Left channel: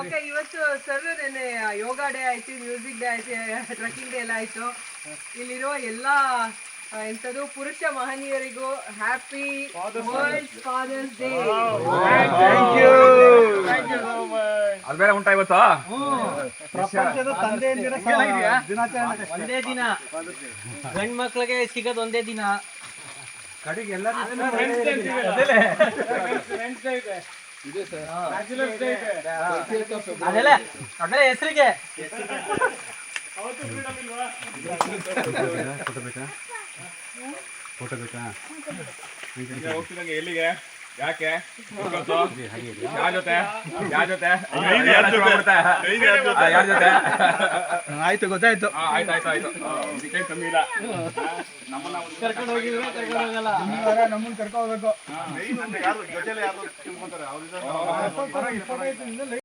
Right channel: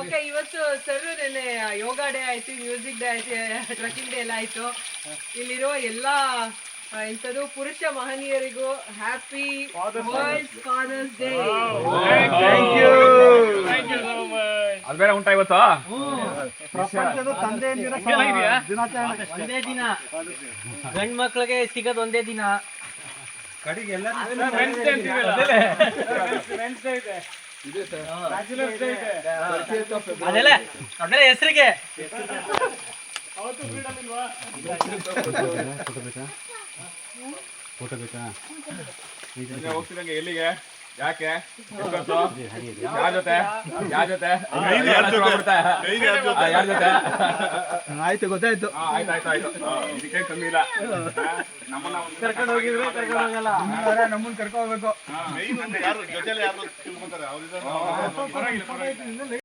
Okay, ಇವತ್ತು sir ನೆನ್ನೆ ಯೋಗ day ಆಯ್ತು, ಮ್ಯೂಸಿಕ್ ಡೇ ಆಯ್ತು, ಟ್ರಕ್ಕಿಂಗ್ ಡೇ ಎಲ್ಲ ಆಯ್ತು. ಇಲ್ಲಿರುವ ಎಲ್ಲ ಎಂಥದ್ದು ಪುರುಷ ಮಹನೀಯರಿಗೂ ಹ್ಯಾಪಿ ವರ್ಲ್ಡ್ ಫಾದರ್ಸ್ ಡೇ. ಅದು ಬೇರೆ ಉಂಟಾ ಇವತ್ತು? ಒಂದೇ ದಿನ ಗಂಡ್ ಮಕ್ಳಿಗೆ ಸಿಗೋದು ಒಂದೇ ದಿನ. ಅದೆಲ್ಲ ಹೆಸರಿಗೆ ಫೋಟೋ ಬೇಕಾ? ಹೋಗ್ತಿದಂಗೆ ಎಲ್ಲಿಗೆ? ಯಾಕೆ? ಯಾರ ಜೊತೆ? ಯಾರ ಜೊತೆ? ಯಾರ ಜೊತೆ? ಆಯ್ತು, ಗೊತ್ತಾಯ್ತು. ಆಯ್ತು ಇದಕ್ಕೆ ಕಮ್ಮಿ ಇಲ್ಲ. ಕರ್ಕೊಂಡು ಹೋಗಿದ್ರೆ ಕರ್ಕೊಂಡು ಹೋಗಲ್ಲ, ನಮ್ಮನ್ನ ಕರ್ಕೊಂಡು ಹೋಗ್ಬೇಕು.